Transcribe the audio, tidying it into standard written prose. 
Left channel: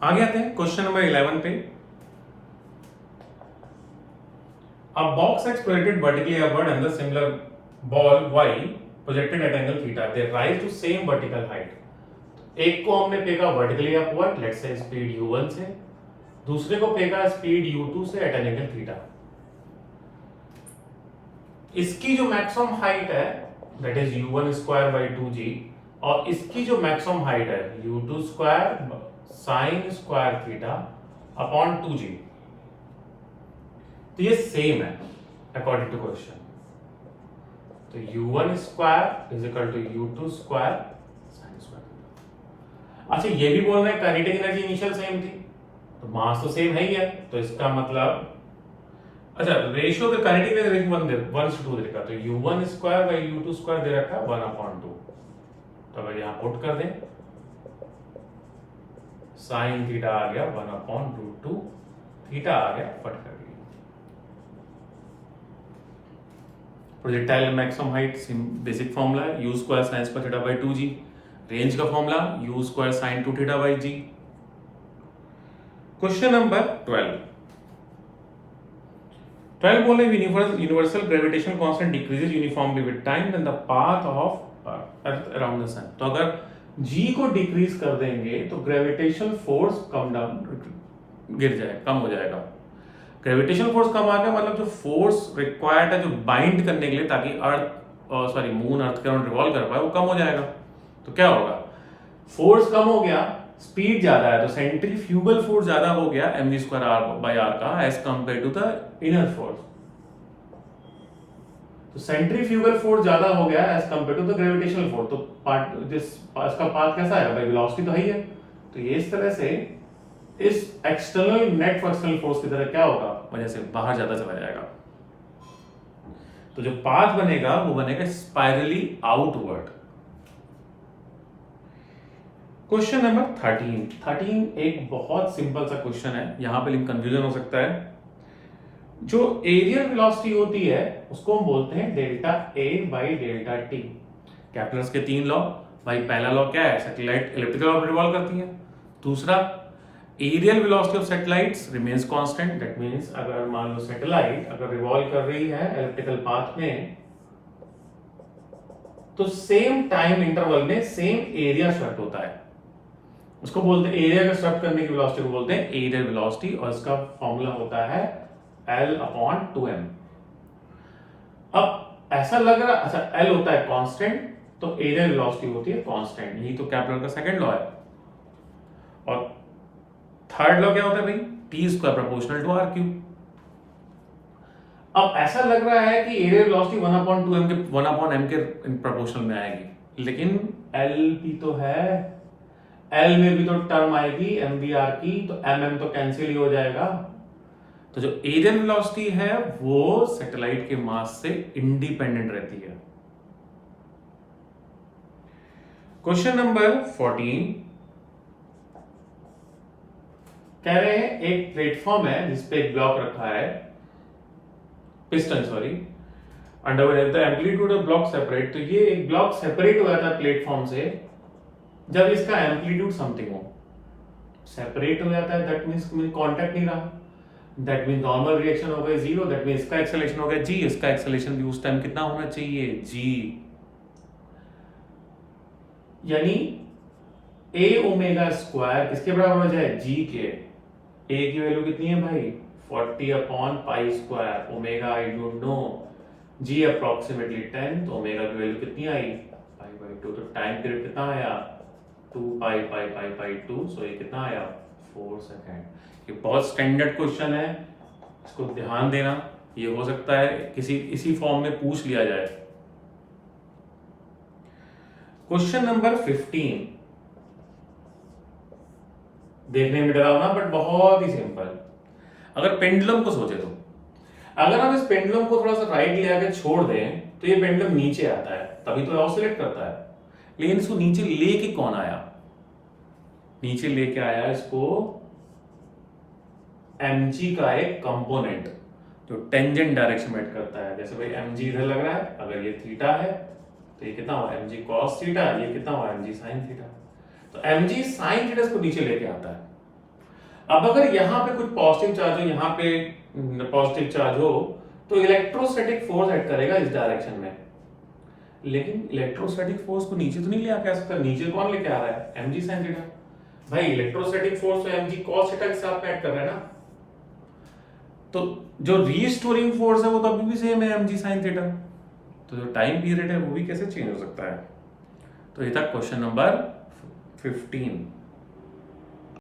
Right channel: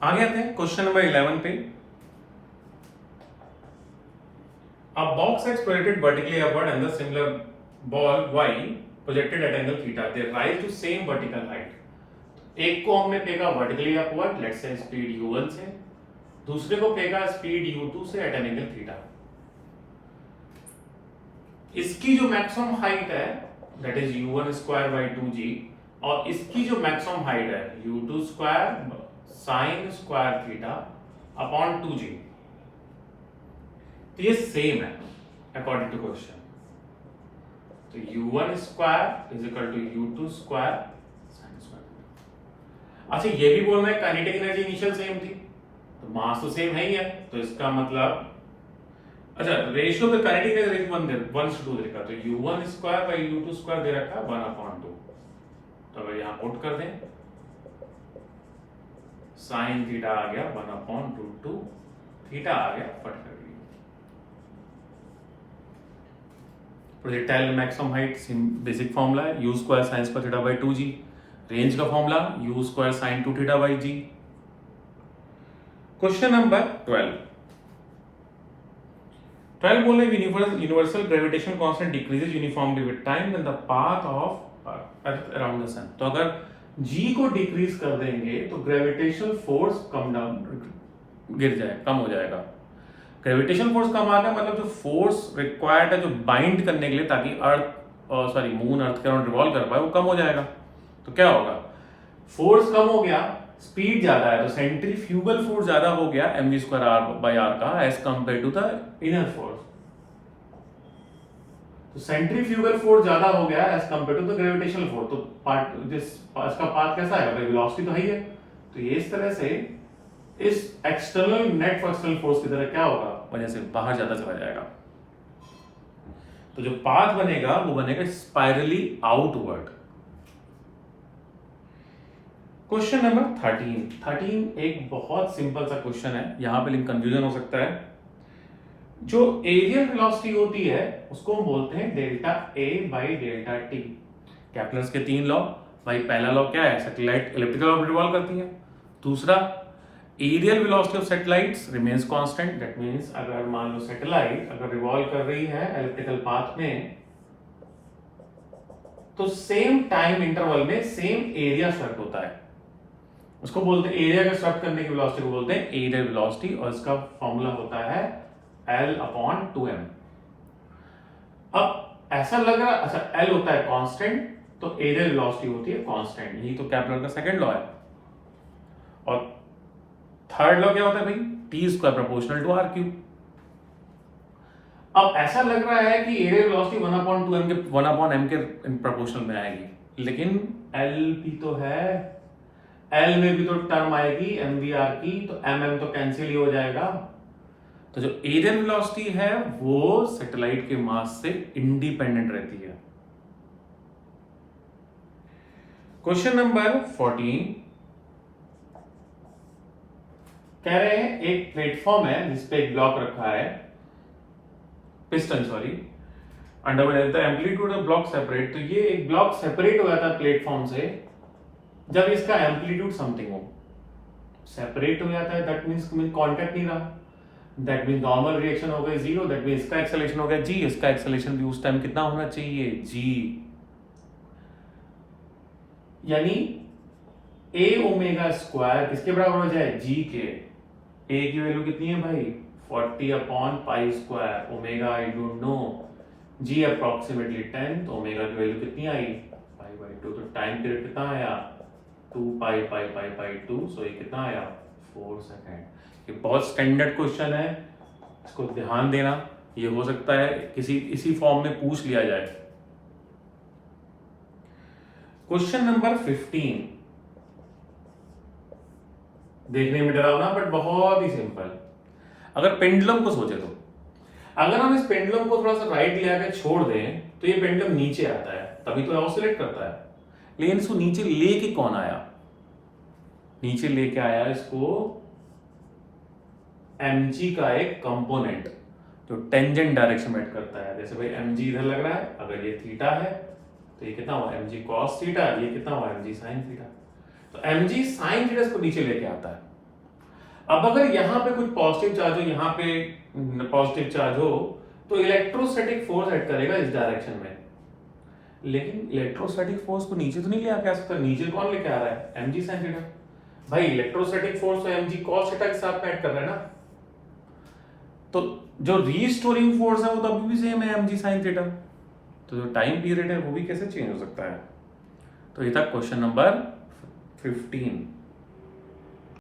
आगे आते हैं क्वेश्चन नंबर 11 पे। A box X projected vertically upward and the similar ball Y projected at angle theta. They rise to same vertical height. एक को हमने फेंका vertically upward, let's say speed u1 से, दूसरे को फेंका स्पीड u2 से एट एन एंगल थीटा। इसकी जो मैक्सिमम हाइट है that is u1 square by 2g और इसकी जो मैक्सिमम हाइट है u2 square sine square theta upon 2g, तो ये सेम है अकॉर्डिंग टू क्वेश्चन। तो u1 square is equal to u2 square sine square. अच्छा ये भी बोल रहे हैं काइनेटिक एनर्जी इनिशियल सेम थी, तो मास तो सेम है ही है, तो इसका मतलब अच्छा रेशियो पे काइनेटिक एनर्जी 1:2 दे रखा, तो u1 square by u2 square दे रखा है 1/2। तो अगर यहां पुट कर दें साइन थीटा आ गया 1/2, थीटा आ गया फट कर गई। Projectile maximum height basic formula है u square sine square theta by 2g। Range का formula u square sine 2 theta by g। Question number 12 बोले universal gravitational constant decreases uniformly with time when the path of earth around the sun. तो अगर g को decrease कर देंगे तो gravitational force कम हो जाएगा। ग्रेविटेशनल फोर्स कम आ गया मतलब जो फोर्स रिक्वायर्ड है जो बाइंड करने के लिए ताकि मून अर्थ के अराउंड रिवॉल्व कर पाए वो कम हो जाएगा। तो क्या होगा, फोर्स कम हो गया, स्पीड ज्यादा है, तो सेंट्रीफ्यूगल फोर्स ज्यादा हो गया mv square R by R का as compare to the inner force. तो सेंट्रीफ्यूगल फोर्स ज्यादा हो गया as compare to the gravitational force. तो इसका पाथ कैसा है भाई, वेलोसिटी तो है ही है, तो ये इस तरह से इस एक्सटर्नल नेट फ्रक्शनल फोर्स की तरह क्या होगा, वजह से बाहर ज्यादा चला जाएगा। तो जो पाथ बनेगा वो बनेगा स्पाइरली आउटवर्ड। क्वेश्चन नंबर 13 एक बहुत सिंपल सा क्वेश्चन है, यहां पे कंफ्यूजन हो सकता है। जो एरियल वेलोसिटी होती है उसको हम बोलते हैं delta A by delta T. Kepler's के 3 लॉ, भाई पहला लॉ क्या है, सैटेलाइट इलिप्टिकल ऑर्बिट रिवॉल्व करती है। दूसरा, areal velocity of satellites remains constant, that means अगर मान लो सैटेलाइट अगर रिवॉल्व कर रही है इलिप्टिकल पाथ में तो सेम टाइम इंटरवल में सेम एरिया स्वेप्ट होता है, उसको बोलते हैं एरिया का स्वेप्ट करने की वेलोसिटी को बोलते हैं एरियल वेलोसिटी, और इसका फॉर्मूला होता है L/2m। अब ऐसा लग रहा, अच्छा L होता है कांस्टेंट तो एरियल वेलोसिटी होती है कांस्टेंट, यही तो केपलर का सेकंड लॉ है। और थर्ड लॉ क्या होता है भाई, T square proportional to R cube. अब ऐसा लग रहा है कि एरियल वेलोसिटी 1/m के प्रोपोर्शनल में आएगी, लेकिन L भी तो है, L में भी तो टर्म आएगी mvr की, तो mm तो कैंसिल ही हो जाएगा। तो जो एरियल वेलोसिटी है वो सैटेलाइट के मास से इंडिपेंडेंट रहती है। क्वेश्चन नंबर 14 कह रहे हैं एक प्लेटफॉर्म है जिसपे एक ब्लॉक रखा है, piston sorry, under the amplitude of block separate. तो ये एक ब्लॉक सेपरेट हो जाता है प्लेटफॉर्म से जब इसका एम्पलीट्यूड समथिंग हो, सेपरेट हो जाता है दैट मींस कांटेक्ट नहीं रहा, दैट मींस नॉर्मल रिएक्शन हो गई 0, दैट मींस इसका एक्सेलरेशन हो गया g, इसका एक्सेलरेशन भी उस टाइम कितना होना चाहिए g, यानी a ओमेगा स्क्वायर किसके बराबर हो जाए, g के। a की वैल्यू कितनी है भाई 40/पाई square, omega I don't know, g approximately 10, तो ओमेगा की वैल्यू कितनी आई पाई/2, तो टाइम पीरियड कितना आया 2 सो ये कितना आया 4 सेकेंड। ये बहुत स्टैंडर्ड क्वेश्चन है, इसको ध्यान देना, ये हो सकता है किसी इसी फॉर्म में पूछ लिया जाए। क्वेश्चन नंबर 15 देखने में डरावना बट बहुत ही सिंपल। अगर पेंडुलम को सोचे तो अगर हम इस पेंडुलम को थोड़ा सा राइट ले आके छोड़ दें तो ये पेंडुलम नीचे आता है, तभी तो ऑसिलेट करता है, लेकिन इसको नीचे लेके कौन आया, नीचे लेके आया इसको mg का एक कंपोनेंट जो टेंजेंट डायरेक्शन में करता है। जैसे भाई mg इधर लग रहा है, अगर ये थीटा है तो ये कितना हुआ mg cos थीटा, ये कितना हुआ mg sin थीटा, तो mg sin थीटा इसको नीचे लेके आता है। अब अगर यहाँ पे कुछ पॉजिटिव चार्ज हो, यहाँ पे पॉजिटिव चार्ज हो, तो इलेक्ट्रोस्टैटिक फोर्स एक्ट करेगा इस डायरेक्शन में। लेकिन इलेक्ट्रोस्टैटिक फोर्स को नीचे तो नहीं ले आके आ सकता, नीचे कौन लेके आ रहा है, mg sin थीटा। भाई इलेक्ट्रोस्टैटिक फोर्स तो mg cos थीटा के साथ में एक्ट कर रहा है ना, तो जो रीस्टोरिंग फोर्स है वो तो अभी भी सेम है mg sin थीटा, तो जो टाइम पीरियड है वो भी कैसे चेंज हो सकता है। तो ये था क्वेश्चन नंबर 15।